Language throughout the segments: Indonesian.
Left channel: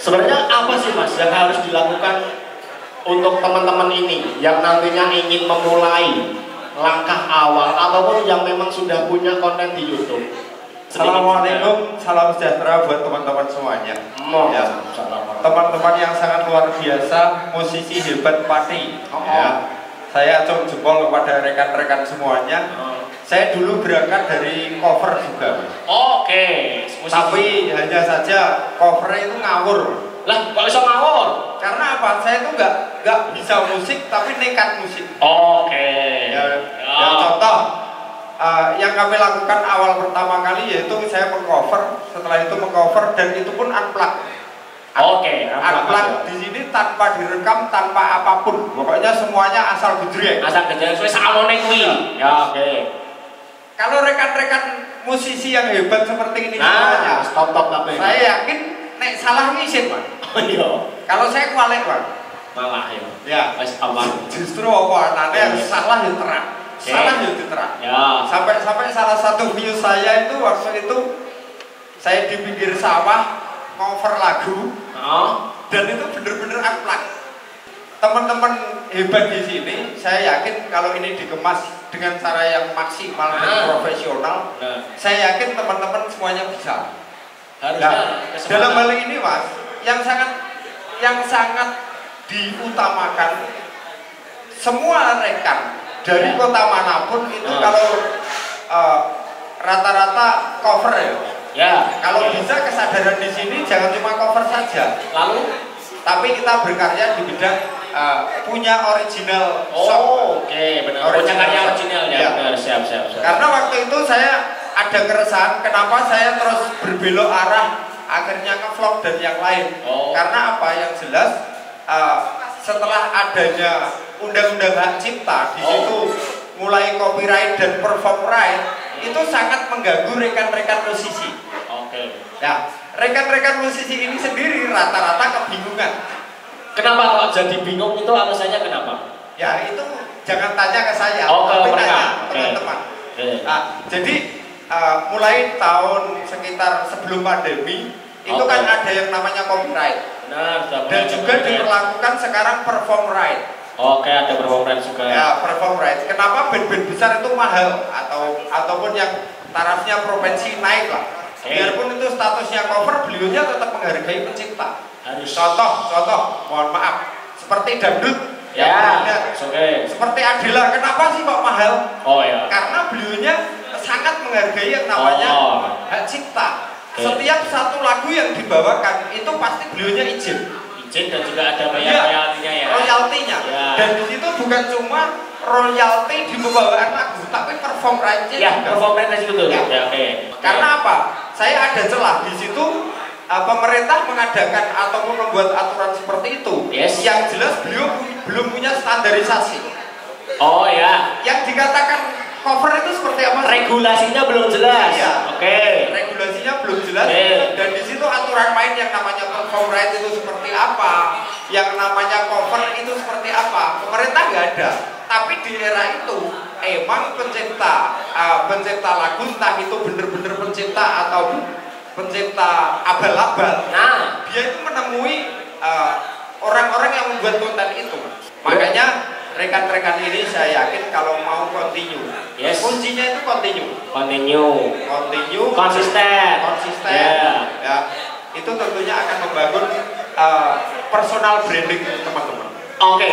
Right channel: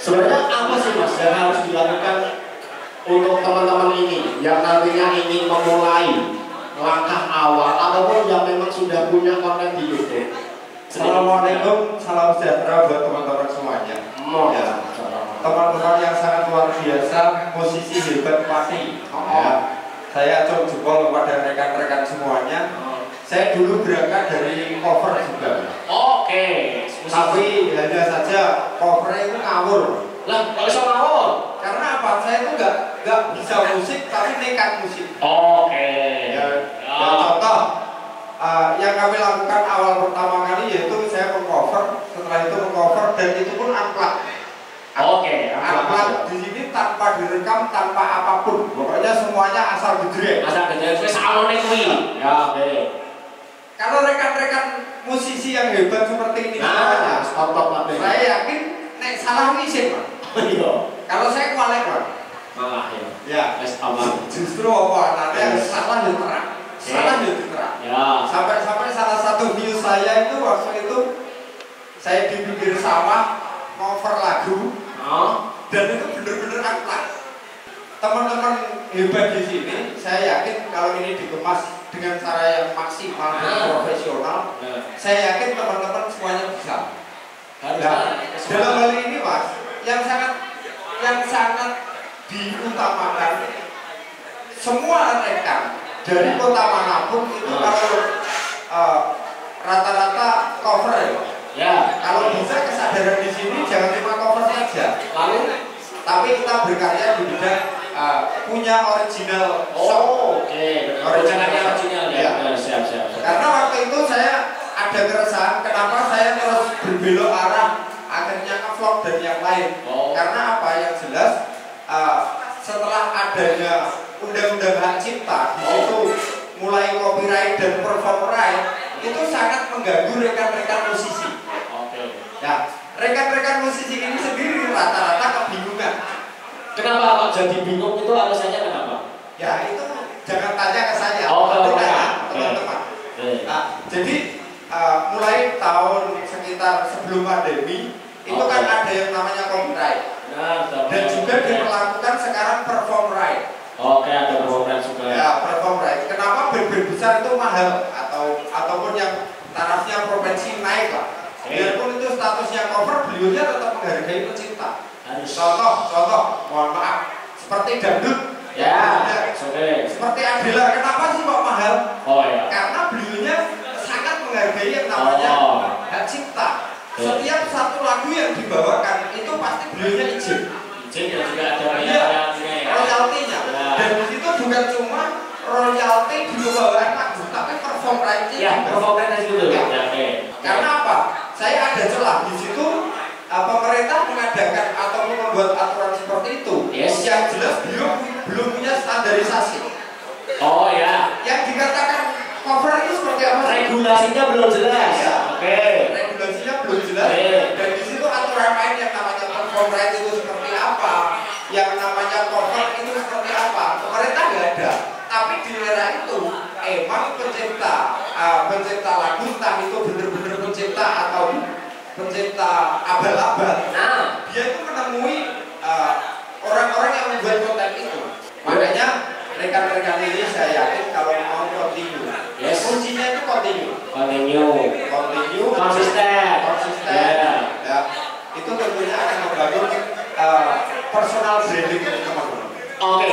Sebenarnya apa sih Mas yang harus dilakukan untuk teman-teman ini yang nantinya ingin memulai langkah awal ataupun yang memang sudah punya konten di YouTube? Assalamualaikum, salam sejahtera buat teman-teman semuanya. Ya, teman-teman yang sangat luar biasa, musisi hebat pasti. Ya, saya acung jempol kepada rekan-rekan semuanya. Saya dulu berangkat dari cover juga. Oke. Tapi hanya saja covernya itu ngawur. Lah, kok bisa ngawur? Karena apa? Saya itu nggak bisa musik, tapi nekat musik. Oke. Ya, contoh yang kami lakukan awal pertama kali yaitu saya mengcover, setelah itu mengcover dan itu pun unplugged. Oke, unplugged di sini tanpa direkam, tanpa apapun. Pokoknya semuanya asal gejreng. Asal gejreng, saya salone kuwi. Ya, oke. Kalau rekan-rekan musisi yang hebat seperti ini semuanya, stop tapi saya yakin nek salah ngisin, Pak. Oh iya. Kalau saya kualek, Pak. Malah ya. Ya, wis aman. Justru apa anaknya salah ya terang. Salah ya terang. Ya. Sampai salah satu video saya itu waktu itu saya di pinggir sawah cover lagu. Dan itu bener-bener unplugged. Teman-teman hebat di sini, saya yakin kalau ini dikemas dengan cara yang maksimal dan profesional, saya yakin teman-teman semuanya bisa. Dalam hal ini, Mas, yang sangat diutamakan semua rekan dari kota manapun itu kalau rata-rata cover ya. Ya. Kalau bisa kesadaran di sini jangan cuma cover saja. Lalu tapi kita berkarya di bidang punya original song. Oke, benar. Original ya. Siap. Karena waktu itu saya ada keresahan kenapa saya terus berbelok arah akhirnya ngevlog dan yang lain. Karena apa yang jelas setelah adanya undang-undang hak cipta di situ mulai copyright dan perform right itu sangat mengganggu rekan-rekan musisi. Ya, rekan-rekan musisi ini sendiri rata-rata kebingungan. Kenapa kok jadi bingung itu alasannya kenapa? Ya itu jangan tanya ke saya, teman-teman. Nah, jadi mulai tahun sekitar sebelum pandemi itu kan ada yang namanya copyright. Dan juga diperlakukan sekarang perform right. Oke, ada perform right juga. Ya, perform right. Kenapa band-band besar itu mahal ataupun yang tarafnya provinsi naik lah. Biarpun itu statusnya cover, beliaunya tetap menghargai pencipta. Contoh, mohon maaf, seperti dangdut. Ya, seperti Adela, kenapa sih kok mahal? Oh ya. Karena beliaunya sangat menghargai yang namanya hak cipta. Setiap satu lagu yang dibawakan itu pasti beliaunya izin dan juga ada royaltinya ya. Royaltinya. Dan di situ bukan cuma royalti di pembawaan lagu, tapi perform right-nya. Ya, perform right itu tuh. Ya, Karena apa? Saya ada celah di situ. Pemerintah mengadakan atau membuat aturan seperti itu. Yang jelas beliau belum punya standarisasi. Oh ya. Yang dikatakan cover itu seperti apa? Regulasinya belum jelas. Ya. Oke. Regulasinya belum jelas. Dan di situ aturan main yang namanya perform right itu seperti apa, yang namanya cover itu seperti apa. Pemerintah nggak ada. Tapi di era itu emang pencipta lagu entah itu benar-benar pencipta atau pencipta abal-abal. Nah, dia itu menemui orang-orang yang membuat konten itu. Makanya rekan-rekan ini saya yakin kalau mau continue, kuncinya itu konsisten. Ya, itu tentunya akan membangun personal branding teman-teman. Oke.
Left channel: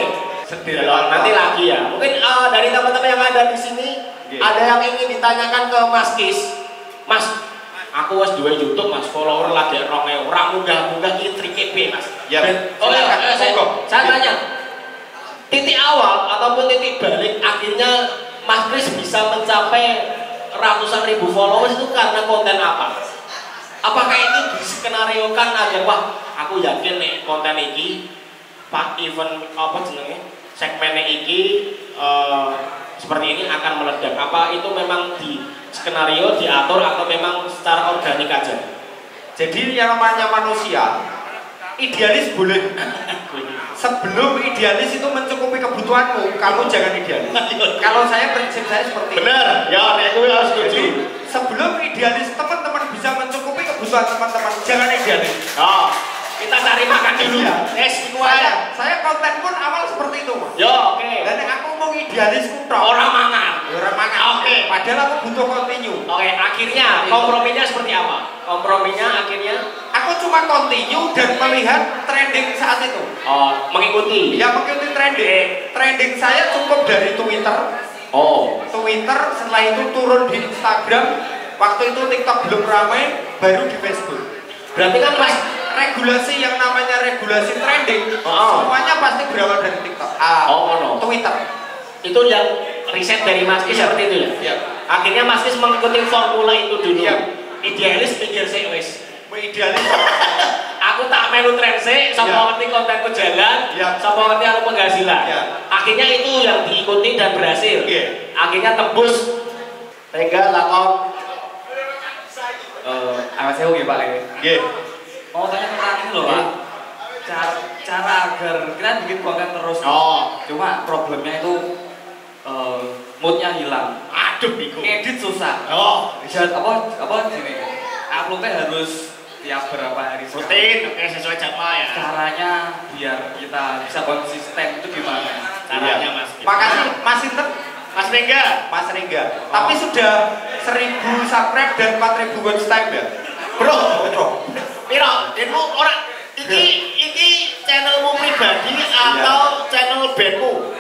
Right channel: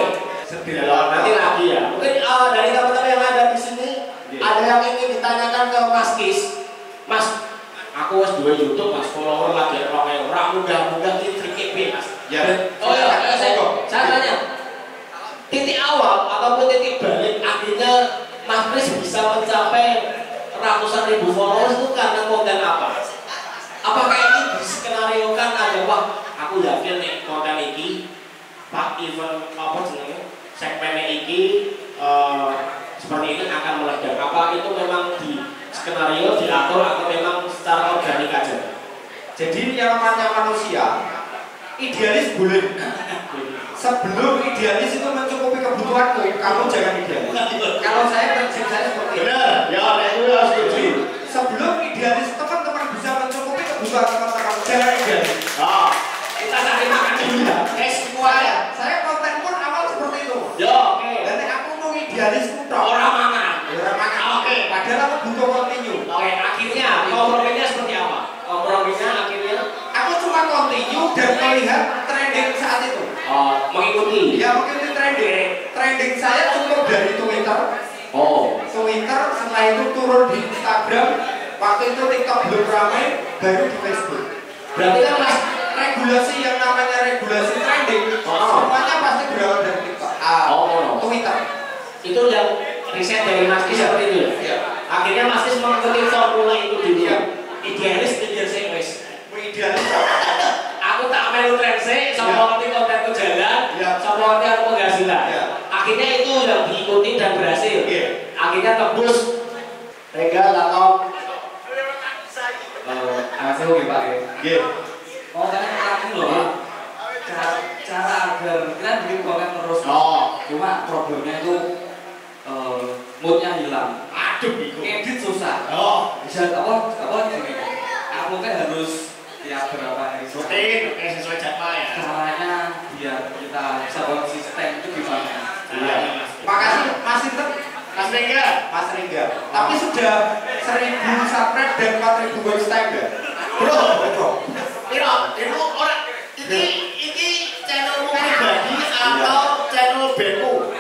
Nanti lagi ya. Mungkin dari teman-teman yang ada di sini ada yang ingin ditanyakan ke Mas Kis. Mas, aku wes dua YouTube Mas, follower lagi orang mudah-mudah ini triknya Mas. Ya. Saya tanya. Titik awal ataupun titik balik akhirnya Mas Kris bisa mencapai ratusan ribu followers itu karena konten apa? Apakah ini diskenariokan aja, wah aku yakin nih konten ini pak event apa jenenge segmennya ini seperti ini akan meledak. Apa itu memang di skenario diatur atau memang secara organik aja? Jadi yang namanya manusia idealis boleh. Sebelum idealis itu mencukupi kebutuhanmu, kamu jangan idealis. Kalau saya prinsip saya seperti itu. Benar, ya itu harus setuju. Sebelum idealis teman-teman bisa mencukupi kebutuhan teman-teman, jangan idealis. Kita cari makan dulu. Saya konten pun awal seperti itu. Yo, oke. Dan aku mau idealis kutok. Orang mangan. Oke. Padahal aku butuh continue. Oke, akhirnya komprominya seperti apa? Komprominya akhirnya aku cuma continue dan melihat trending saat itu. Oh, mengikuti. Ya, mengikuti trending. Trending saya cukup dari Twitter. Oh, Twitter, setelah itu turun di Instagram. Waktu itu TikTok belum ramai, baru di Facebook. Berarti kan Mas regulasi yang namanya regulasi trending, semuanya pasti berawal dari TikTok. Twitter. Itu yang riset dari Mas Kis seperti itu ya? Iya. Akhirnya Mas Kis mengikuti formula itu dulu. Iya. Idealis pikir sih wis. Idealis. Aku tak melu tren sih, sama ngerti kontenku jalan, sama ngerti aku penghasilan. Akhirnya itu yang diikuti dan berhasil. Akhirnya tembus. Tega lakon. Saya oke Pak. Oh, karena kita loh Pak. Cara agar kita bikin konten terus. Cuma problemnya itu moodnya hilang. Aduh, Biko. Edit susah. Bisa apa gini. Uploadnya harus tiap berapa hari. Rutin, oke sesuai jadwal ya. Caranya biar kita bisa konsisten itu gimana? Caranya Mas. Makasih Mas Inter. Mas Rengga. Tapi sudah 1000 subscribe dan 4000 watch time ya? Bro. Piro, itu orang ini channelmu pribadi atau channel bandmu?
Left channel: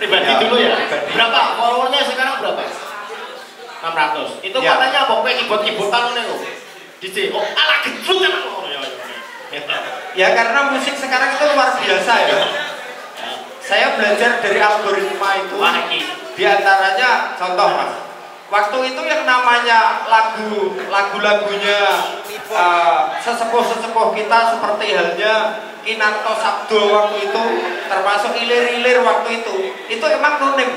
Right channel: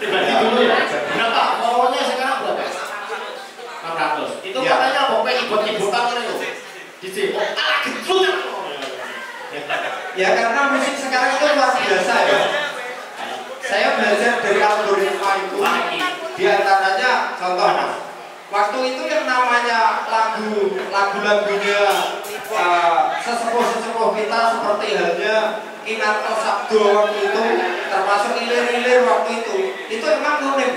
Pribadi dulu ya. Berapa? Followernya sekarang berapa? 600. Itu katanya pokoknya ibut-ibutan itu. DJ. Oh, ala gedruk kan. Ya karena musik sekarang itu luar biasa ya. Saya belajar dari algoritma itu. Di antaranya contoh Mas. Waktu itu yang namanya lagu-lagunya sesepuh-sesepuh kita seperti halnya Kinarto Sabdo waktu itu, termasuk ilir-ilir waktu itu emang unik.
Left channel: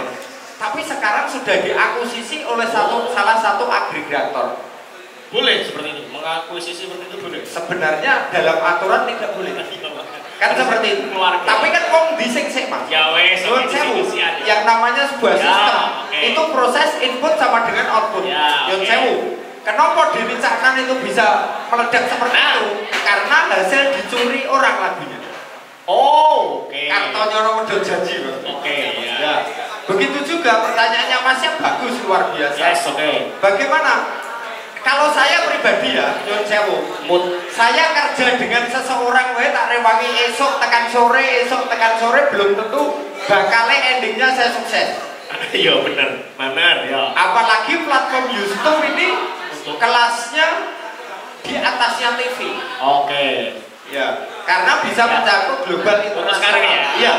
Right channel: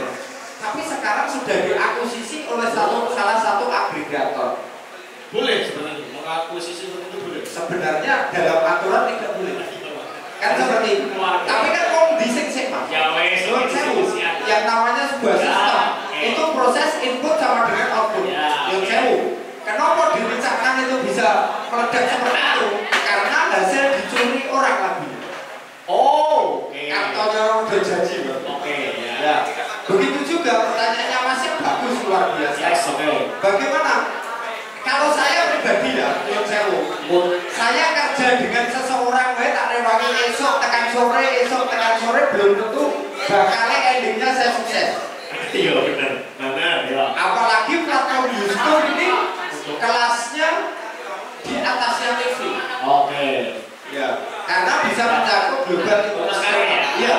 Tapi sekarang sudah diakuisisi oleh salah satu agregator. Boleh seperti itu, mengakuisisi seperti itu boleh. Sebenarnya dalam aturan tidak boleh. Kan seperti itu. Tapi kan kondisi sih Mas. Ya wes, yang namanya sebuah sistem itu proses input sama dengan output. Yang sewu. Kenapa dibicarakan itu bisa meledak seperti itu? Karena hasil dicuri orang lagunya. Oh, oke. Kantornya orang udah janji Mas. Oke, ya. Begitu juga pertanyaannya Masnya bagus luar biasa. Yes, oke. Bagaimana? Kalau saya pribadi ya, saya kerja dengan seseorang, tak rewangi esok tekan sore belum tentu bakal endingnya saya sukses. Iya benar ya. Apalagi platform YouTube ini kelasnya di atasnya TV. Oke. Ya, karena bisa mencakup global itu. Sekarang ya. Iya.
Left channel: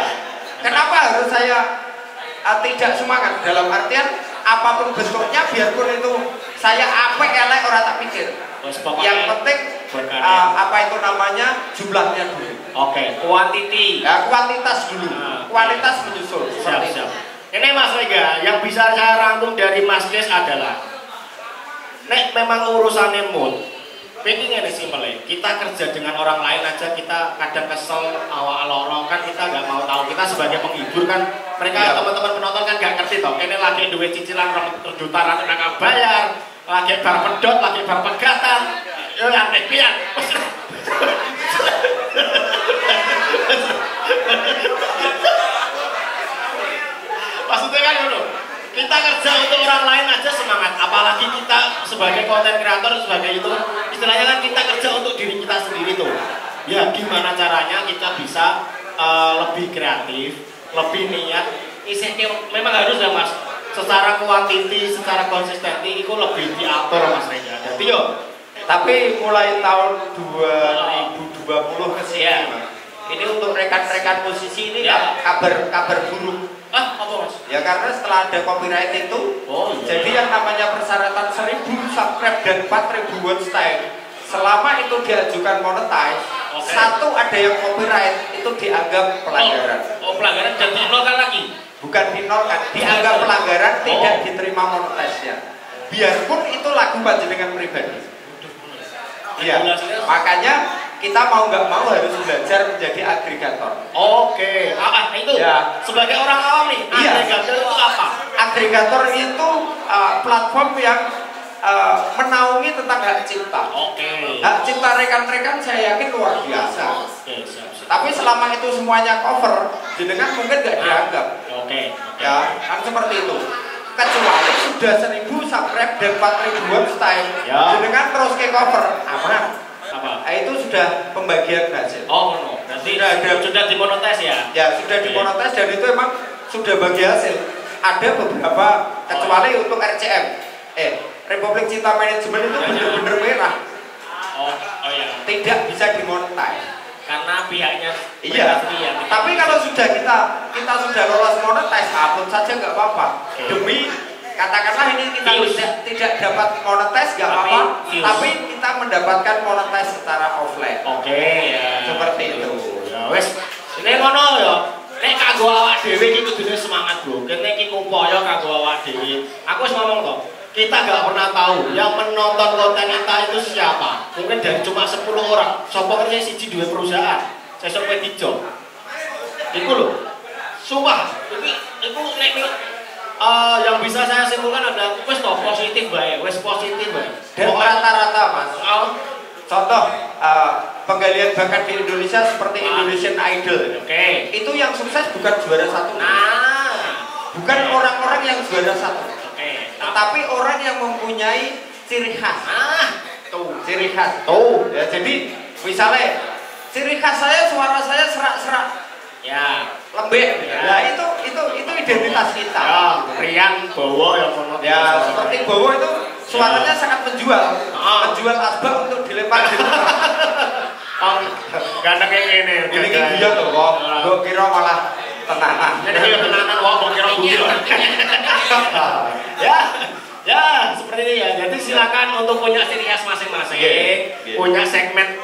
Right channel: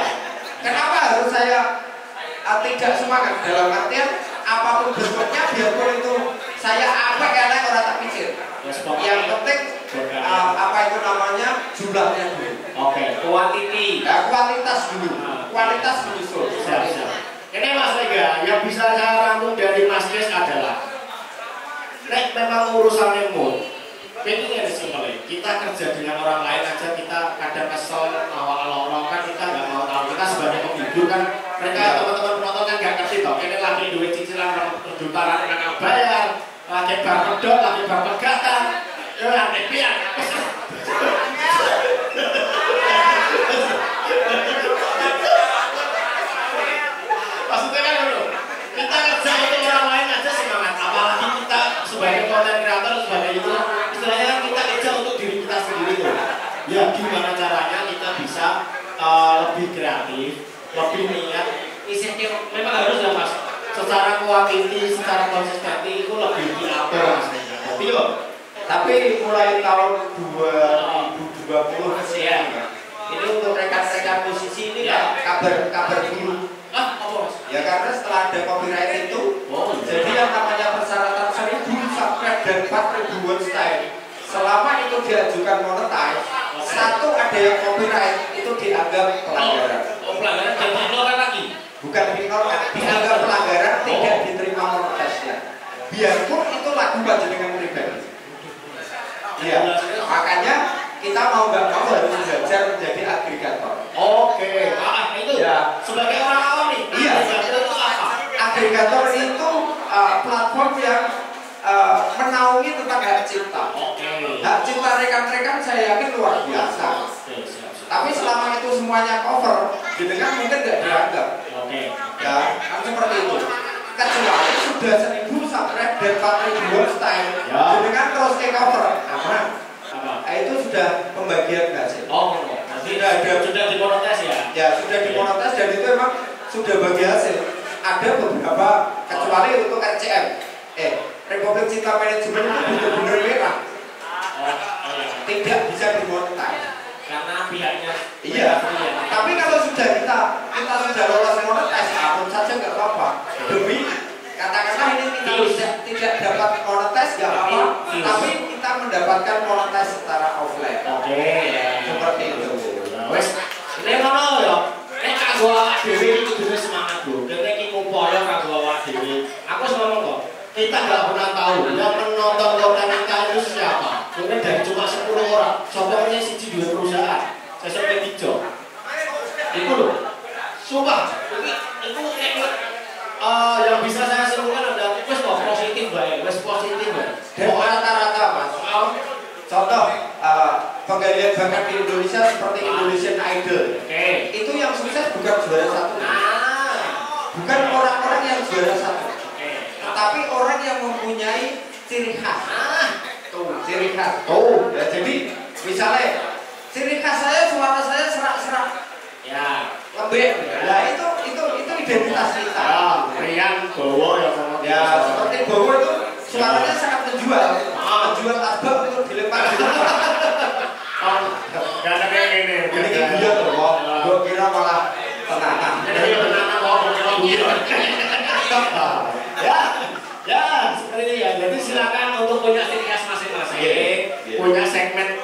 Kenapa harus saya tidak semangat dalam artian apapun bentuknya biarpun itu saya elek orang tak pikir. Yang penting apa itu namanya jumlahnya dulu. Oke, kuantiti. Ya, kuantitas dulu. Kualitas menyusul. Siap. Ini Mas Rengga, yang bisa saya rangkum dari Mas Des adalah nek memang urusannya mood. Pentingnya di sini kita kerja dengan orang lain aja kita kadang kesel awal-awal kan kita nggak mau tahu kita sebagai penghibur kan mereka teman-teman penonton kan nggak ngerti toh ini lagi duit cicilan juta lagi nggak bayar lagi bar pedot lagi bar pegatan ya lantai pian maksudnya kan dulu kita kerja untuk orang lain aja semangat apalagi kita sebagai konten kreator sebagai itu istilahnya kan kita kerja untuk diri kita sendiri tuh ya gimana caranya kita bisa lebih kreatif lebih niat isinya memang harus ya Mas secara kuantiti secara konsistensi itu lebih diatur Mas Rengga jadi yuk tapi mulai tahun 2020 ke sini ini untuk rekan-rekan musisi ini kabar buruk. Apa Mas? Ya karena setelah ada copyright itu, jadi yang namanya persyaratan 1000 subscribe dan 4000 watch time, selama itu diajukan monetize, satu ada yang copyright itu dianggap pelanggaran. Pelanggaran dan dinolkan lagi? Bukan dinolkan, dianggap pelanggaran tidak diterima monetize-nya. Biarpun itu lagu panjenengan pribadi. Iya, makanya kita mau nggak mau harus belajar menjadi agregator. Oke, itu ya. Sebagai orang awam nih, agregator itu apa? Agregator itu platform yang menaungi tentang hak cipta. Hak cipta rekan-rekan saya yakin luar biasa. Tapi selama itu semuanya cover, jenengan mungkin tidak dianggap. Ya, kan seperti itu. Kecuali sudah 1000 subscribe dan 4000 style, jenengan terus ke cover. Apa? Itu sudah pembagian hasil. Nanti sudah dimonetis ya? Ya, sudah dimonetis dan itu emang sudah bagi hasil. Ada beberapa, kecuali untuk RCM. Republik Cinta Manajemen itu benar-benar merah. Tidak bisa dimonetis. Karena pihaknya. Iya. Tapi kalau sudah kita sudah lolos monetis, akun saja nggak apa-apa. Demi katakanlah ini kita tidak dapat monetis nggak apa-apa, tapi kita mendapatkan monetis secara offline. Seperti itu. Wes, ini ngono ya. Nek kanggo awak dhewe iki kudune semangat, Bro. Kene iki upaya kanggo awak dhewe. Aku wis ngomong kok, kita nggak pernah tahu yang menonton konten kita itu siapa. Mungkin dari cuma 10 orang. Sopo punya siji dua perusahaan. Sesuk kowe dijo. Iku lho. Sumpah, iku nek yang bisa saya simpulkan adalah wis kok positif bae, wis positif bae. Dan rata-rata Mas. Contoh penggalian bakat di Indonesia seperti Indonesian Idol. Itu yang sukses bukan juara 1. Bukan orang-orang yang juara 1. Tapi orang yang mempunyai ciri khas. Ciri khas. Ya, jadi misalnya ciri khas saya, suara saya serak-serak. Ya, lembek. Nah, itu identitas kita. Rian Bowo ya seperti Bowo itu suaranya sangat menjual. Menjual asbak untuk dilempar. Ganteng kayak gini. Ini guyon loh, kok. Gue kira malah tenanan. Jadi tenanan kok, gue kira guyon. Ya, seperti ini ya. Jadi silakan untuk punya ciri khas masing-masing, punya segmen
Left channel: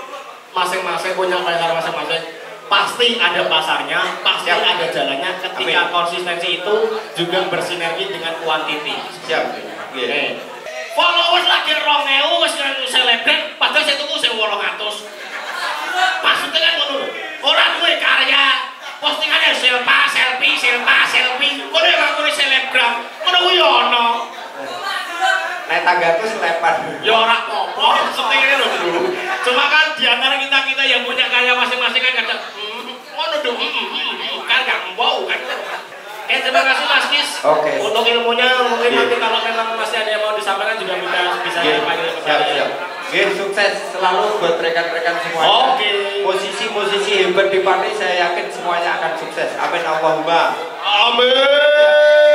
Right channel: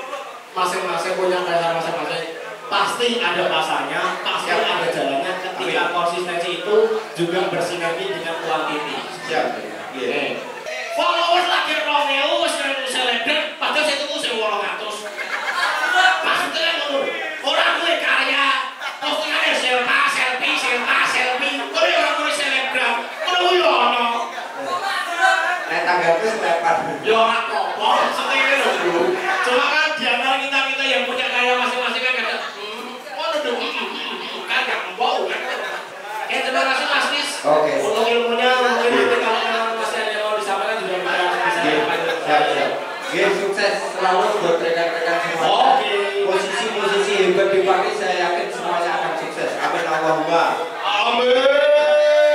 masing-masing, punya pasar masing-masing. Pasti ada pasarnya, pasti ada jalannya. Ketika konsistensi itu juga bersinergi dengan kuantiti. Followers lagi 2000 wis selebgram, padahal saya tuku 1800. Maksudnya kan ngono. Orang duwe karya, postingannya selfie. Kowe ora kuwi selebgram. Ngono kuwi ono. Nek tanggaku selepan. Ya ora apa-apa, seperti itu lho, Bro. Cuma kan di antara kita yang punya karya masing-masing kan kadang ngono dong. Kan enggak mau kan. Terima kasih Mas Kis. Untuk ilmunya mungkin nanti kalau memang masih ada yang mau disampaikan juga bisa siap. Sukses selalu buat rekan-rekan semuanya. Posisi-posisi hebat di partai saya yakin semuanya akan sukses. Amin Allahumma. Amin.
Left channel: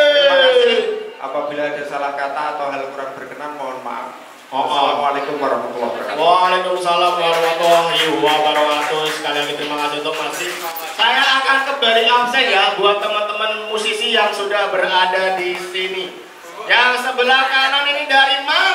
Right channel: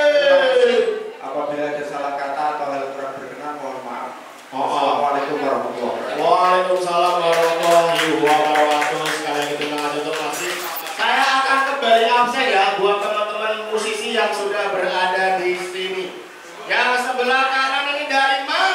Terima kasih. Apabila ada salah kata atau hal kurang berkenan mohon maaf. Assalamualaikum warahmatullahi wabarakatuh. Waalaikumsalam warahmatullahi wabarakatuh. Sekali lagi terima kasih untuk masih. Saya akan kembali absen ya buat teman-teman musisi yang sudah berada di sini. Yang sebelah kanan ini dari mana?